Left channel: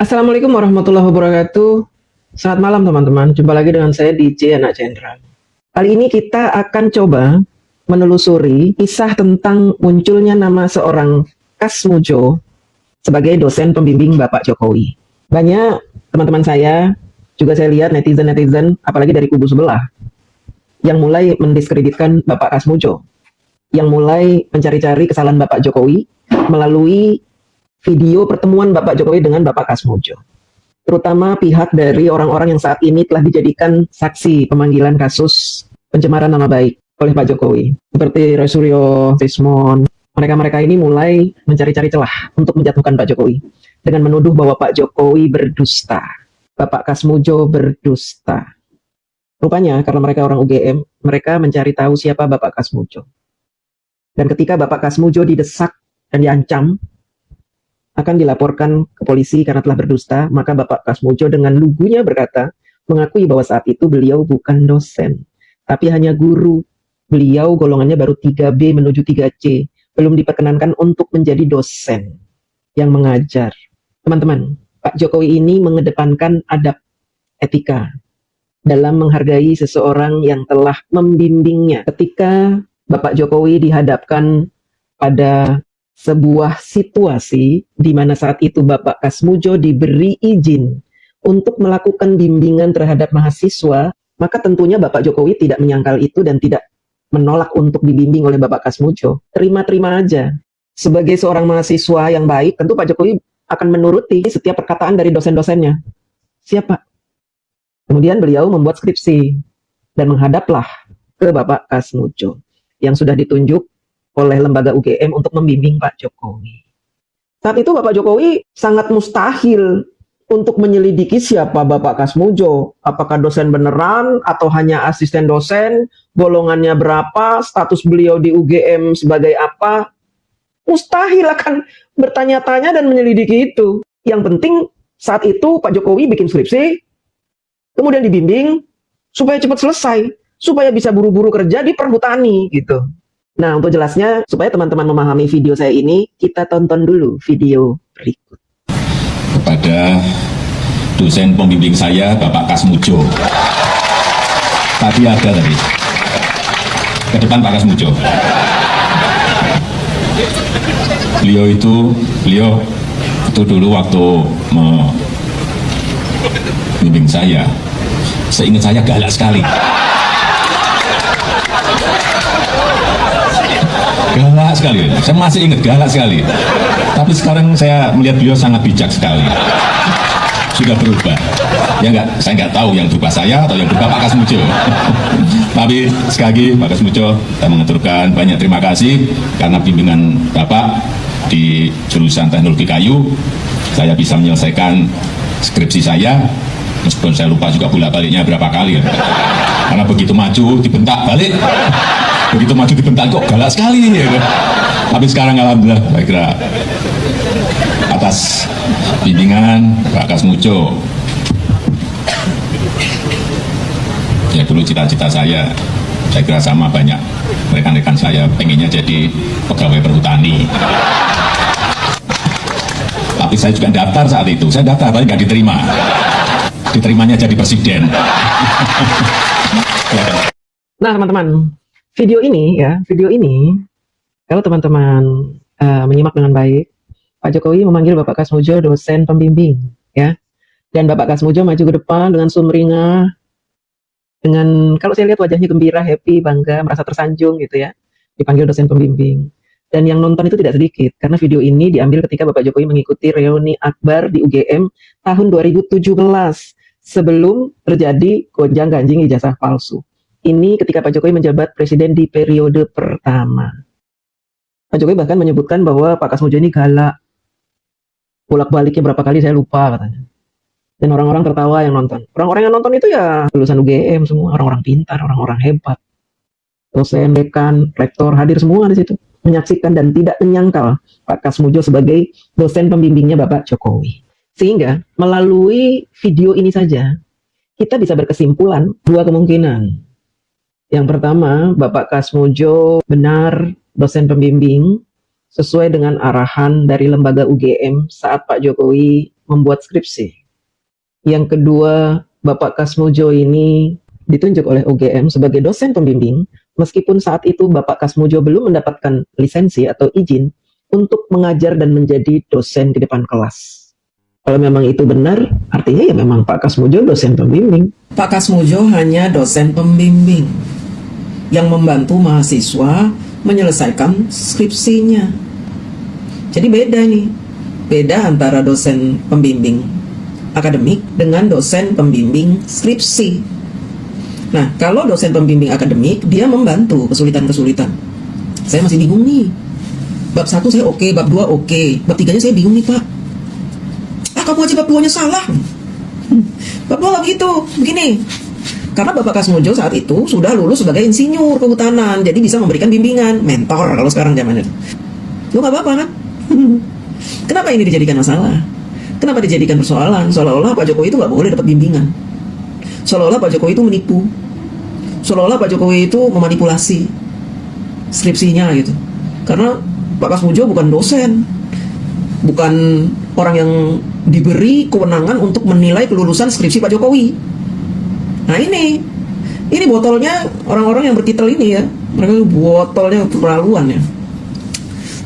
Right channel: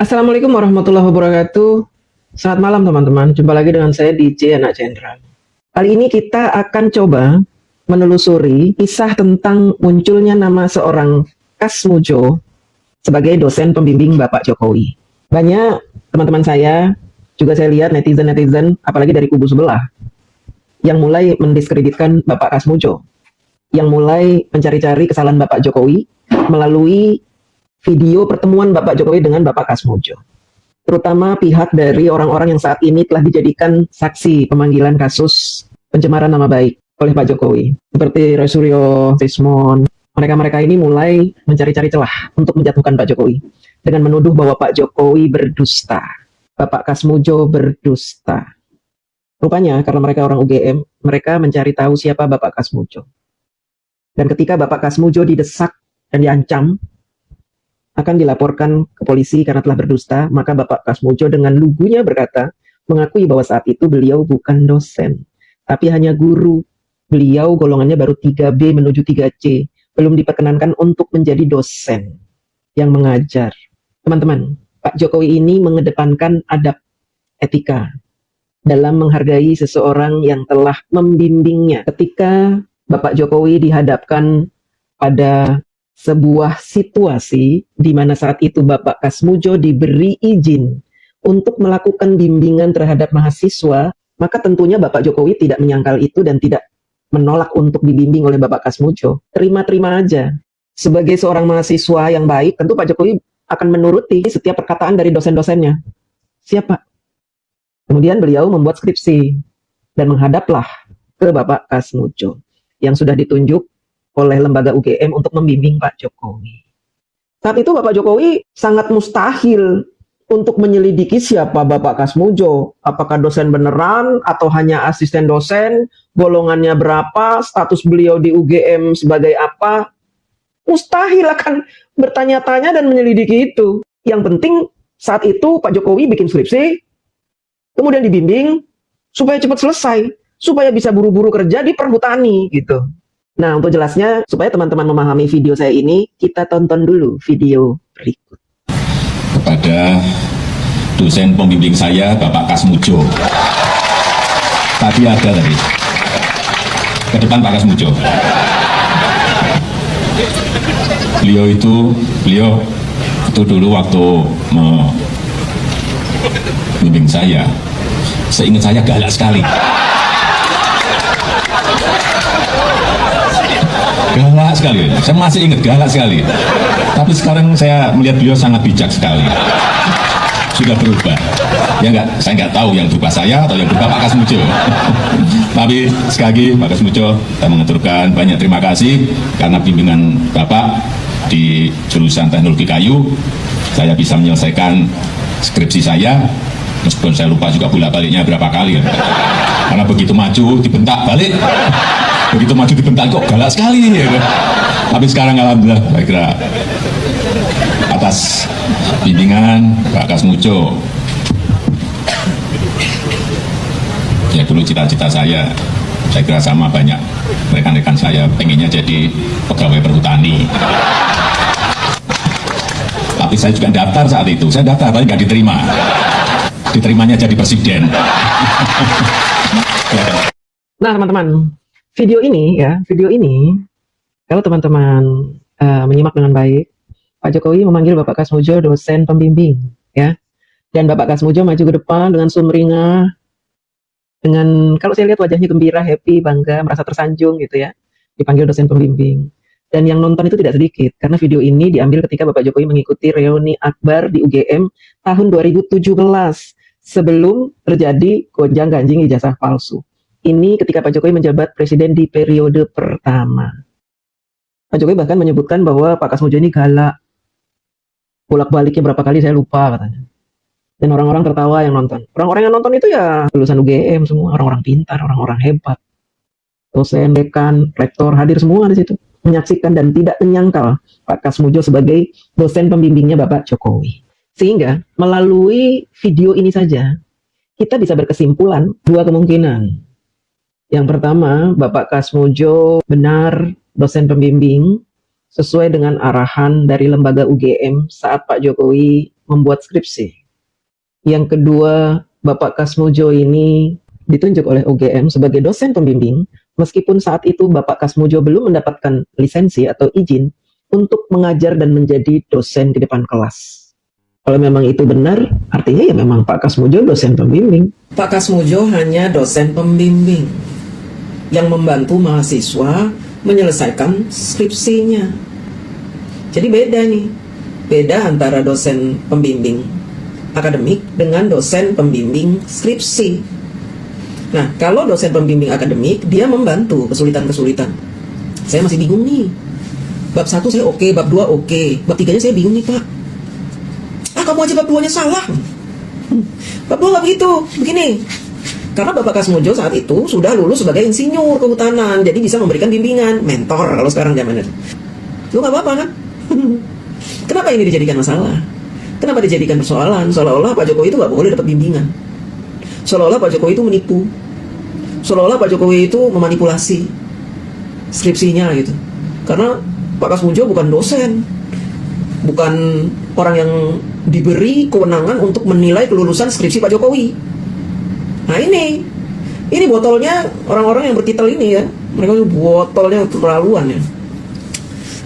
Assalamualaikum warahmatullahi wabarakatuh. Selamat malam teman-teman. Jumpa lagi dengan saya DJ Anak Cendra. Kali ini kita akan coba menelusuri kisah tentang munculnya nama seorang Kasmujo sebagai dosen pembimbing Bapak Jokowi. Banyak teman-teman saya, juga saya lihat netizen-netizen, apalagi dari kubu sebelah, yang mulai mendiskreditkan Bapak Kasmujo, yang mulai mencari-cari kesalahan Bapak Jokowi melalui video pertemuan Bapak Jokowi dengan Bapak Kasmujo. Terutama pihak dari orang-orang yang saat ini telah dijadikan saksi pemanggilan kasus pencemaran nama baik oleh Pak Jokowi. Seperti Roy Suryo, Tismun. Mereka-mereka ini mulai mencari-cari celah untuk menjatuhkan Pak Jokowi dengan menuduh bahwa Pak Jokowi berdusta. Bapak Kasmujo berdusta. Rupanya karena mereka orang UGM, mereka mencari tahu siapa Bapak Kasmujo. Dan ketika Bapak Kasmujo didesak dan diancam akan dilaporkan ke polisi karena telah berdusta, maka Bapak Kasmujo dengan lugunya berkata, mengakui bahwa saat itu beliau bukan dosen, tapi hanya guru. Beliau golongannya baru 3B menuju 3C, belum diperkenankan untuk menjadi dosen yang mengajar. Teman-teman, Pak Jokowi ini mengedepankan adab etika dalam menghargai seseorang yang telah membimbingnya. Ketika Bapak Jokowi dihadapkan pada sebuah situasi di mana saat itu Bapak Kasmujo diberi izin untuk melakukan bimbingan terhadap mahasiswa, maka tentunya Bapak Jokowi tidak menyangkal itu dan tidak menolak untuk dibimbing oleh Bapak Kasmujo. Terima-terima aja. Sebagai seorang mahasiswa yang baik, tentu Pak Jokowi akan menuruti setiap perkataan dari dosen-dosennya. Siapa? Kemudian beliau membuat skripsi dan menghadaplah ke Bapak Kasmujo yang sudah ditunjuk oleh lembaga UGM untuk membimbing Pak Jokowi. Saat itu Bapak Jokowi sangat mustahil untuk menyelidiki siapa Bapak Kasmujo. Apakah dosen beneran atau hanya asisten dosen, golongannya berapa, status beliau di UGM sebagai apa. Mustahil akan bertanya-tanya dan menyelidiki itu. Yang penting saat itu Pak Jokowi bikin skripsi, kemudian dibimbing supaya cepat selesai, supaya bisa buru-buru kerja di perhutani gitu. Nah, untuk jelasnya, supaya teman-teman memahami video saya ini, kita tonton dulu video berikut. Kepada dosen pembimbing saya, Bapak Kasmujo. Tadi ada tadi. Itu kan Pak Kasmujo. Beliau itu dulu waktu mau pembimbing saya, seingat saya galak sekali. Galak sekali, saya masih ingat galak sekali. Tapi sekarang saya melihat beliau sangat bijak sekali. Sudah berubah. Ya enggak, saya nggak tahu yang berubah saya atau yang berubah Pak Kasmujo. Tapi sekali lagi Pak Kasmujo, saya mengaturkan banyak terima kasih karena bimbingan Bapak di jurusan teknologi kayu, saya bisa menyelesaikan skripsi saya. Meskipun saya lupa juga bolak-baliknya berapa kali. Karena begitu maju dibentak balik, begitu maju dibentak kok galak sekali. Ya. Tapi sekarang alhamdulillah, saya kira atas bimbingan Pak Kasmujo. Ya dulu cita-cita saya kira sama banyak rekan-rekan saya pengennya jadi pegawai perhutani. Tapi saya juga daftar saat itu, saya daftar tapi nggak diterima. Diterimanya jadi presiden. Nah, teman-teman, video ini, kalau teman-teman menyimak dengan baik, Pak Jokowi memanggil Bapak Kasmujo dosen pembimbing, ya. Dan Bapak Kasmujo maju ke depan dengan sumringah, dengan, kalau saya lihat wajahnya gembira, happy, bangga, merasa tersanjung gitu ya, dipanggil dosen pembimbing. Dan yang nonton itu tidak sedikit, karena video ini diambil ketika Bapak Jokowi mengikuti reuni akbar di UGM tahun 2017, sebelum terjadi gonjang-ganjing ijazah palsu. Ini ketika Pak Jokowi menjabat presiden di periode pertama. Pak Jokowi bahkan menyebutkan bahwa Pak Kasmujo ini galak. Bolak-baliknya berapa kali saya lupa katanya. Dan orang-orang tertawa yang nonton. Orang-orang yang nonton itu ya lulusan UGM semua, orang-orang pintar, orang-orang hebat. Dosen, dekan, rektor hadir semua di situ. Menyaksikan dan tidak menyangkal Pak Kasmujo sebagai dosen pembimbingnya Bapak Jokowi. Sehingga melalui video ini saja kita bisa berkesimpulan dua kemungkinan. Yang pertama, Bapak Kasmujo benar dosen pembimbing sesuai dengan arahan dari lembaga UGM saat Pak Jokowi membuat skripsi. Yang kedua, Bapak Kasmujo ini ditunjuk oleh UGM sebagai dosen pembimbing, meskipun saat itu Bapak Kasmujo belum mendapatkan lisensi atau izin untuk mengajar dan menjadi dosen di depan kelas. Kalau memang itu benar, artinya ya memang Pak Kasmujo dosen pembimbing. Pak Kasmujo hanya dosen pembimbing yang membantu mahasiswa menyelesaikan skripsinya. Jadi beda nih, beda antara dosen pembimbing akademik dengan dosen pembimbing skripsi. Nah, kalau dosen pembimbing akademik, dia membantu kesulitan-kesulitan. Saya masih bingung nih. Bab 1 saya oke, bab 2 oke, bab 3-nya saya bingung nih, Pak. Kamu aja bab 2-nya salah. Bab 2 nggak gitu, begini. Karena Bapak Kasmujo saat itu sudah lulus sebagai insinyur kehutanan, jadi bisa memberikan bimbingan, mentor kalau sekarang zamannya. Lu nggak apa-apa kan? Kenapa ini dijadikan masalah? Kenapa dijadikan persoalan? Seolah-olah Pak Jokowi itu nggak boleh dapat bimbingan. Seolah-olah Pak Jokowi itu menipu. Seolah-olah Pak Jokowi itu memanipulasi skripsinya gitu. Karena Pak Kasmujo bukan dosen, bukan orang yang diberi kewenangan untuk menilai kelulusan skripsi Pak Jokowi. Nah ini botolnya orang-orang yang bertitel ini ya, mereka botolnya keterlaluan ya.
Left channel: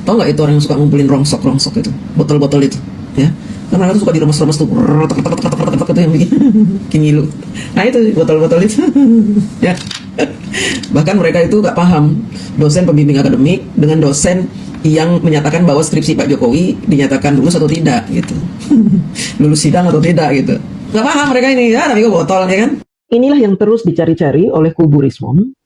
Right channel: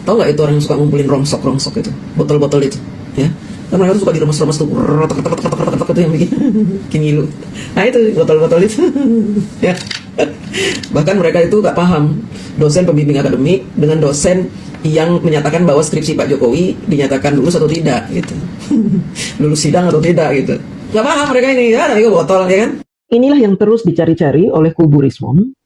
Tahu nggak itu orang yang suka ngumpulin rongsok itu, botol-botol itu, ya? Kan mereka tuh suka diremes-remes tuh, itu yang bikin ngilu. Nah itu botol-botol itu, ya. Bahkan mereka itu nggak paham dosen pembimbing akademik dengan dosen yang menyatakan bahwa skripsi Pak Jokowi dinyatakan lulus atau tidak gitu. Lulus sidang atau tidak gitu. Nggak paham mereka ini ya, namanya botol ya kan. Inilah yang terus dicari-cari oleh kubu Rismon,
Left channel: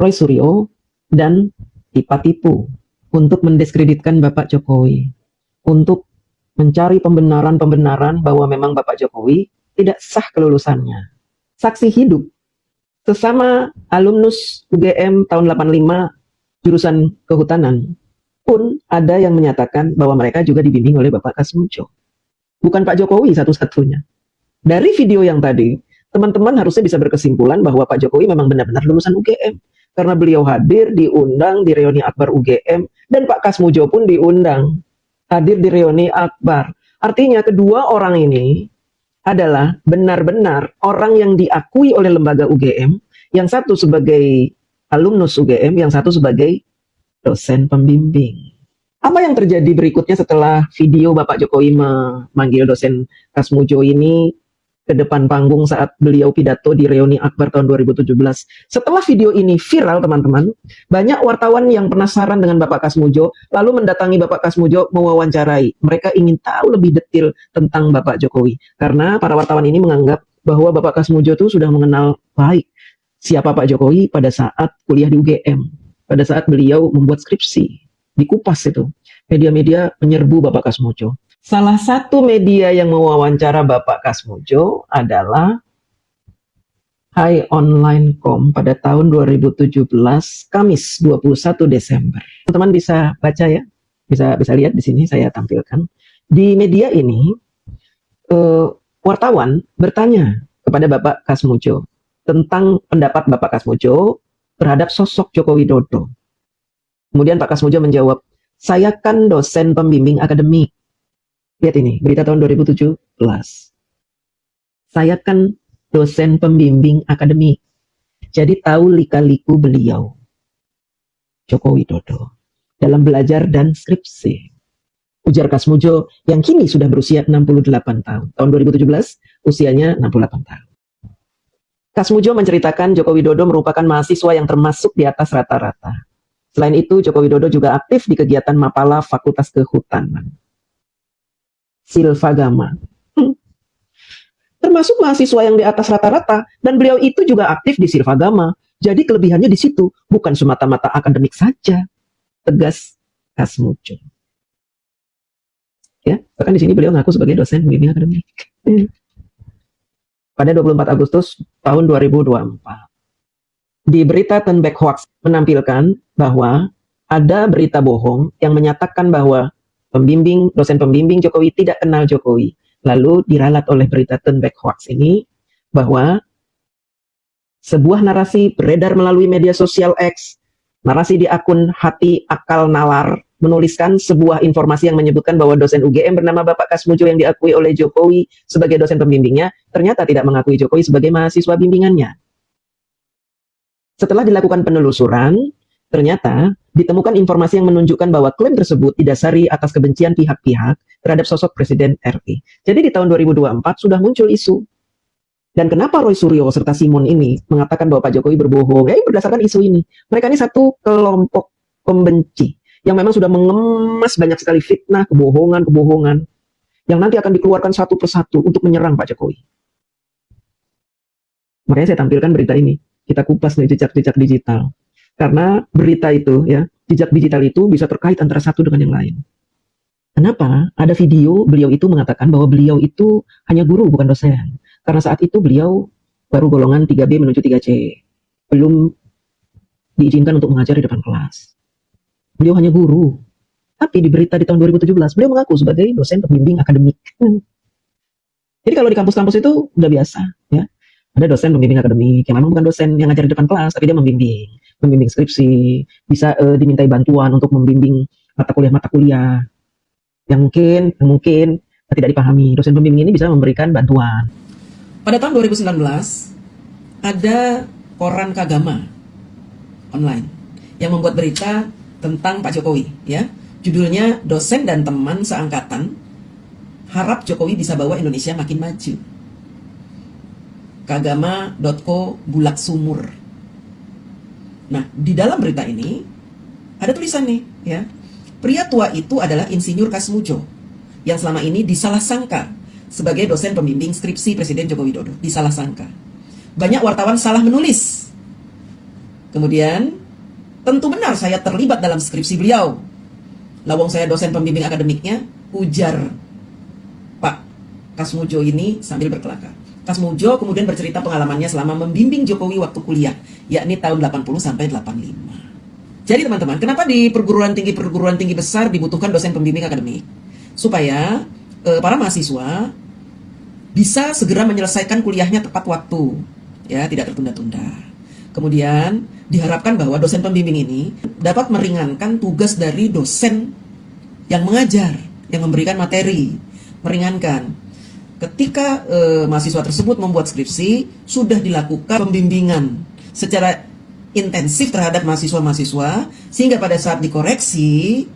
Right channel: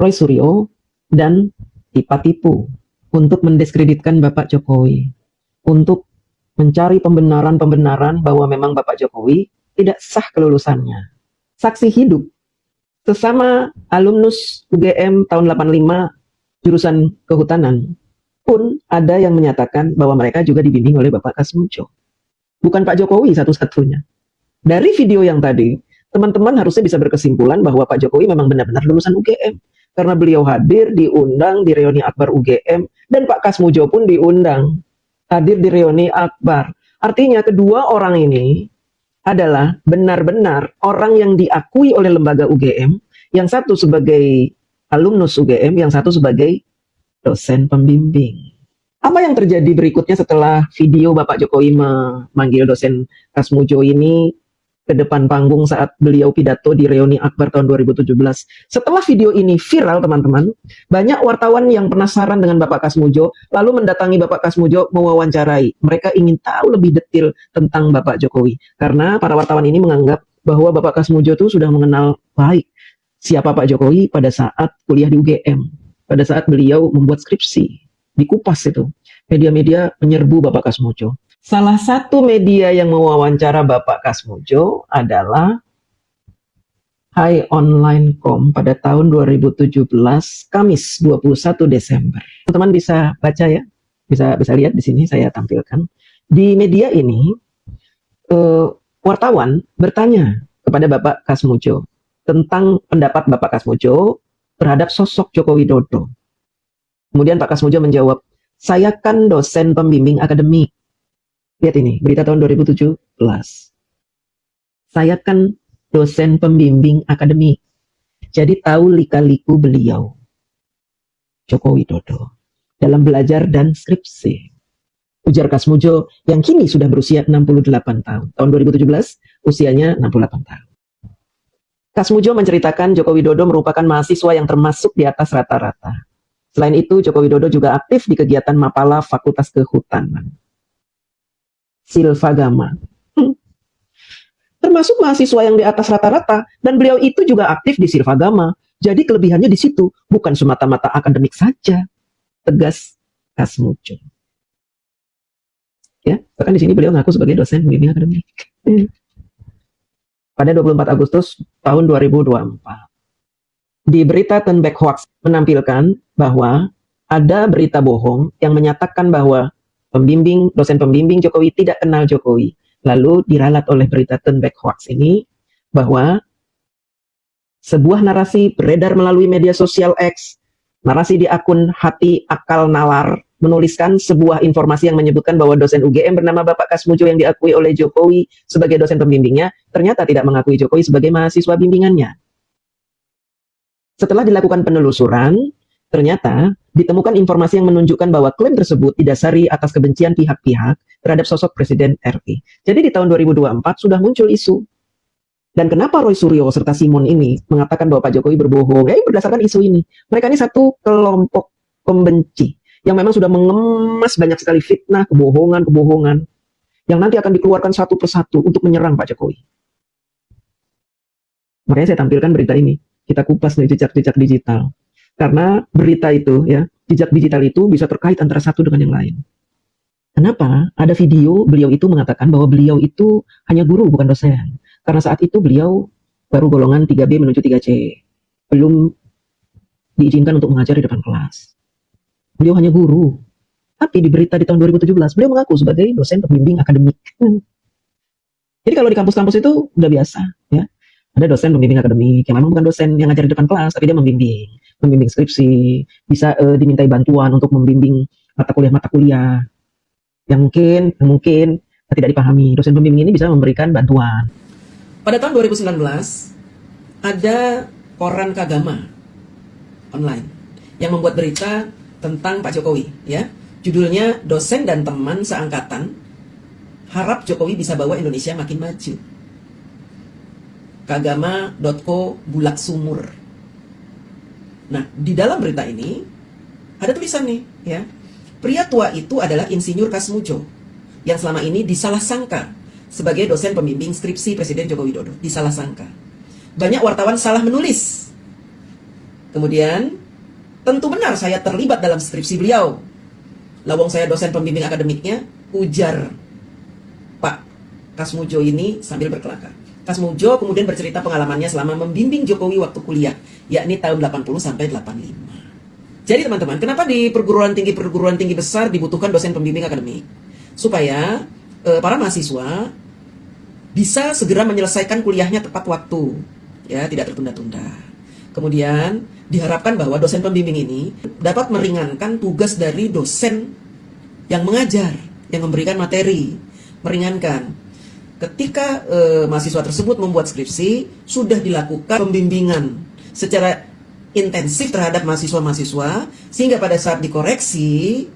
Roy Suryo, dan Ipatitu untuk mendiskreditkan Bapak Jokowi. Untuk mencari pembenaran bahwa memang Bapak Jokowi tidak sah kelulusannya. Saksi hidup sesama alumnus UGM tahun 85 jurusan kehutanan pun ada yang menyatakan bahwa mereka juga dibimbing oleh Bapak Kasmujo. Bukan Pak Jokowi satu-satunya. Dari video yang tadi, teman-teman harusnya bisa berkesimpulan bahwa Pak Jokowi memang benar-benar lulusan UGM. Karena beliau hadir, diundang di reuni akbar UGM, dan Pak Kasmujo pun diundang hadir di reuni akbar. Artinya kedua orang ini adalah benar-benar orang yang diakui oleh lembaga UGM, yang satu sebagai alumnus UGM, yang satu sebagai dosen pembimbing. Apa yang terjadi berikutnya setelah video Bapak Jokowi memanggil dosen Kasmujo ini ke depan panggung saat beliau pidato di reuni akbar tahun 2017? Setelah video ini viral teman-teman, banyak wartawan yang penasaran dengan Bapak Kasmujo lalu mendatangi Bapak Kasmujo mewawancarai. Mereka ingin tahu lebih detail tentang Bapak Jokowi karena para wartawan ini menganggap bahwa Bapak Kasmujo itu sudah mengenal baik siapa Pak Jokowi pada saat kuliah di UGM, pada saat beliau membuat skripsi. Dikupas itu, media-media menyerbu Bapak Kasmujo. Salah satu media yang mewawancara Bapak Kasmujo adalah HiOnline.com pada tahun 2017, Kamis 21 Desember. Teman-teman bisa baca ya, bisa lihat di sini saya tampilkan. Di media ini, wartawan bertanya kepada Bapak Kasmujo tentang pendapat Bapak Kasmujo terhadap sosok Joko Widodo. Kemudian Pak Kasmujo menjawab, saya kan dosen pembimbing akademik. Lihat ini, berita tahun 2017. Saya kan dosen pembimbing akademik. Jadi tahu lika-liku beliau, Joko Widodo, dalam belajar dan skripsi. Ujar Kasmujo yang kini sudah berusia 68 tahun. Tahun 2017, usianya 68 tahun. Kasmujo menceritakan Joko Widodo merupakan mahasiswa yang termasuk di atas rata-rata. Selain itu, Joko Widodo juga aktif di kegiatan Mapala Fakultas Kehutanan. Silvagama. Termasuk mahasiswa yang di atas rata-rata, dan beliau itu juga aktif di Silvagama. Jadi kelebihannya di situ, bukan semata-mata akademik saja. Tegas Kasmujo. Ya, bahkan di sini beliau ngaku sebagai dosen pembimbing akademik. Pada 24 Agustus tahun 2024. Di berita Turn Back Hoax menampilkan bahwa ada berita bohong yang menyatakan bahwa dosen pembimbing Jokowi tidak kenal Jokowi. Lalu diralat oleh berita Turn Back Hoax ini bahwa sebuah narasi beredar melalui media sosial X, narasi di akun Hati Akal Nalar, menuliskan sebuah informasi yang menyebutkan bahwa dosen UGM bernama Bapak Kasmujo yang diakui oleh Jokowi sebagai dosen pembimbingnya, ternyata tidak mengakui Jokowi sebagai mahasiswa bimbingannya. Setelah dilakukan penelusuran, ternyata ditemukan informasi yang menunjukkan bahwa klaim tersebut didasari atas kebencian pihak-pihak terhadap sosok Presiden RI. Jadi di tahun 2024 sudah muncul isu. Dan kenapa Roy Suryo serta Simon ini mengatakan bahwa Pak Jokowi berbohong? Ya, berdasarkan isu ini. Mereka ini satu kelompok pembenci yang memang sudah mengemas banyak sekali fitnah, kebohongan yang nanti akan dikeluarkan satu persatu untuk menyerang Pak Jokowi. Makanya saya tampilkan berita ini. Kita kupas nih jejak-jejak digital. Karena berita itu, ya, jejak digital itu bisa terkait antara satu dengan yang lain. Kenapa? Ada video beliau itu mengatakan bahwa beliau itu hanya guru bukan dosen. Karena saat itu beliau baru golongan 3B menuju 3C. Belum diizinkan untuk mengajar di depan kelas. Beliau hanya guru. Tapi di berita di tahun 2017, beliau mengaku sebagai dosen pembimbing akademik. Jadi kalau di kampus-kampus itu udah biasa. Ya. Ada dosen pembimbing akademik, yang memang bukan dosen yang ngajar di depan kelas, tapi dia membimbing skripsi, bisa dimintai bantuan untuk membimbing mata kuliah yang mungkin tidak dipahami. Dosen pembimbing ini bisa memberikan bantuan. Pada tahun 2019, ada koran Kagama online yang membuat berita tentang Pak Jokowi, ya. Judulnya Dosen dan Teman Seangkatan Harap Jokowi Bisa Bawa Indonesia Makin Maju. Kagama.co Bulak Sumur. Nah, di dalam berita ini ada tulisannya, ya. Pria tua itu adalah Insinyur Kasmujo yang selama ini disalah sangka sebagai dosen pembimbing skripsi Presiden Joko Widodo. Disalah sangka. Banyak wartawan salah menulis. Kemudian tentu benar saya terlibat dalam skripsi beliau. Lawang saya dosen pembimbing akademiknya, ujar Pak Kasmujo ini sambil berkelakar. Kasmujo kemudian bercerita pengalamannya selama membimbing Jokowi waktu kuliah, yakni tahun 80 sampai 85. Jadi teman-teman, kenapa di perguruan tinggi besar dibutuhkan dosen pembimbing akademik? Supaya para mahasiswa bisa segera menyelesaikan kuliahnya tepat waktu, ya, tidak tertunda-tunda. Kemudian diharapkan bahwa dosen pembimbing ini dapat meringankan tugas dari dosen yang mengajar, yang memberikan materi, meringankan. Ketika mahasiswa tersebut membuat skripsi, sudah dilakukan pembimbingan secara intensif terhadap mahasiswa-mahasiswa, sehingga pada saat dikoreksi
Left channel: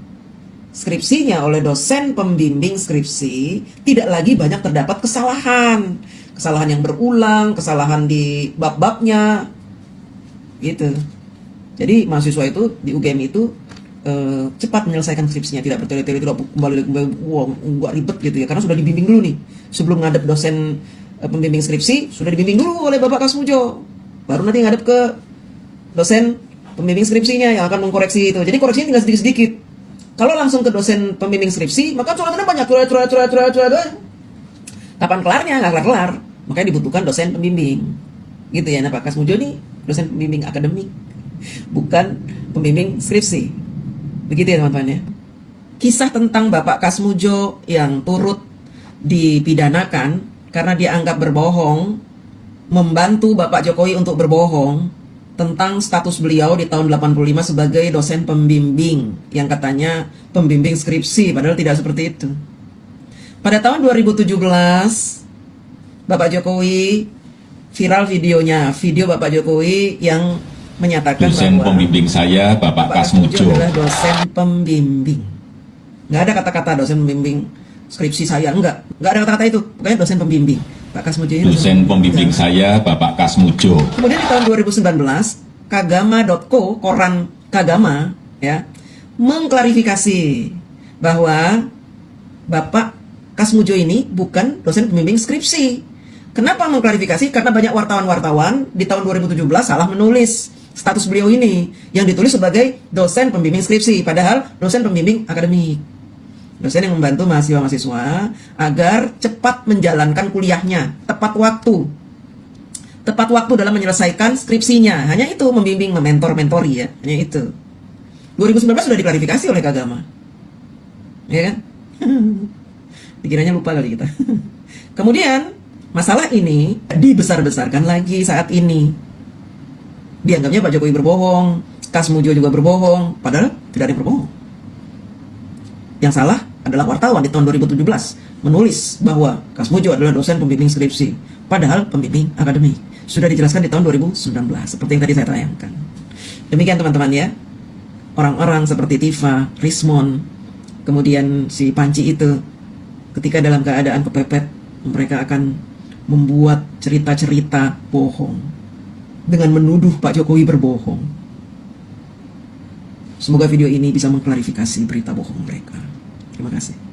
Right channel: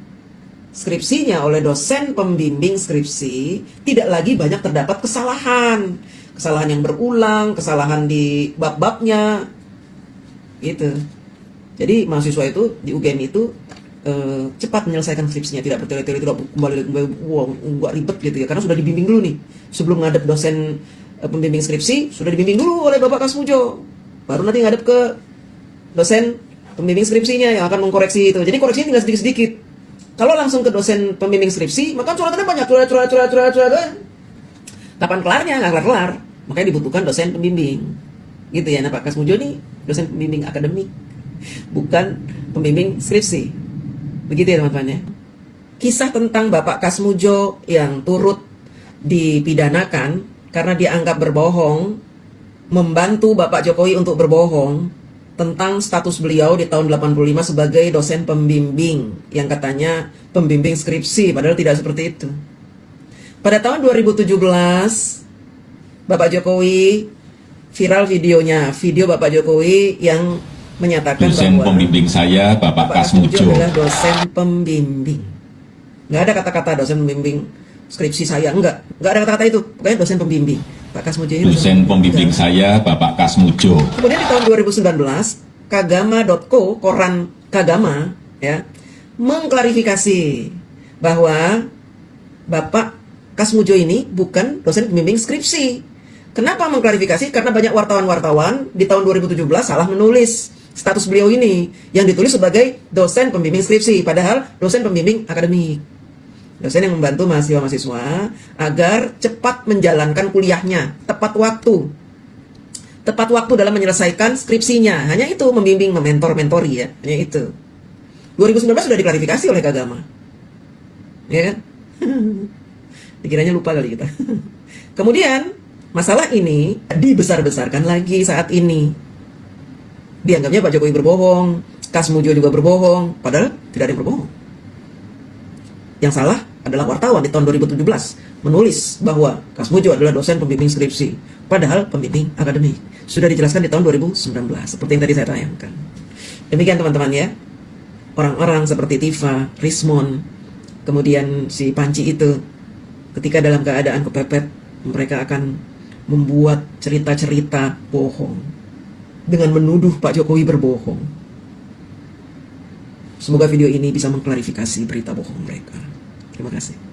skripsinya oleh dosen pembimbing skripsi, tidak lagi banyak terdapat kesalahan yang berulang, kesalahan di bab-babnya, gitu. Jadi mahasiswa itu di UGM itu cepat menyelesaikan skripsinya, tidak bertele-tele, tidak kembali ribet gitu ya, karena sudah dibimbing dulu nih. Sebelum ngadep dosen pembimbing skripsi, sudah dibimbing dulu oleh Bapak Kasmujo, baru nanti ngadep ke dosen pembimbing skripsinya yang akan mengkoreksi itu. Jadi koreksinya tinggal sedikit-sedikit. Kalau langsung ke dosen pembimbing skripsi, maka curhatnya banyak, curhat. Kapan kelarnya? Nggak kelar. Makanya dibutuhkan dosen pembimbing. Gitu ya, nah Pak Kasmujo nih dosen pembimbing akademik, bukan pembimbing skripsi. Begitu ya teman-teman ya. Kisah tentang Bapak Kasmujo yang turut dipidanakan karena dianggap berbohong, membantu Bapak Jokowi untuk berbohong tentang status beliau di tahun 85 sebagai dosen pembimbing yang katanya pembimbing skripsi, padahal tidak seperti itu. Pada tahun 2017 Bapak Jokowi viral videonya, video Bapak Jokowi yang menyatakan dosen bahwa pembimbing saya Bapak Kasmujo adalah dosen pembimbing. Nggak ada kata-kata dosen pembimbing skripsi saya, nggak ada kata-kata itu. Pokoknya dosen pembimbing. Pak Kasmujo ini dosen pembimbing saya Bapak Kasmujo. Kemudian di tahun 2019 Kagama.co, koran Kagama, ya, mengklarifikasi bahwa Bapak Kasmujo ini bukan dosen pembimbing skripsi. Kenapa mengklarifikasi? Karena banyak wartawan-wartawan di tahun 2017 salah menulis status beliau ini yang ditulis sebagai dosen pembimbing skripsi, padahal dosen pembimbing akademik. Dosen yang membantu mahasiswa-mahasiswa agar cepat menjalankan kuliahnya tepat waktu. Tepat waktu dalam menyelesaikan skripsinya. Hanya itu, membimbing, mementor-mentori ya. Hanya itu. 2019 sudah diklarifikasi oleh Kagama. Ya kan? Dikiranya lupa kali kita. Kemudian masalah ini dibesar-besarkan lagi saat ini. Dianggapnya Pak Jokowi berbohong, Kasmujo juga berbohong, padahal tidak ada yang berbohong. Yang salah adalah wartawan di tahun 2017 menulis bahwa Kasmujo adalah dosen pembimbing skripsi, padahal pembimbing akademik. Sudah dijelaskan di tahun 2019, seperti yang tadi saya tayangkan. Demikian teman-teman ya. Orang-orang seperti Tifa, Rismon, kemudian si Panci itu, ketika dalam keadaan kepepet, mereka akan membuat cerita-cerita bohong dengan menuduh Pak Jokowi berbohong. Semoga video ini bisa mengklarifikasi berita bohong mereka. Terima kasih.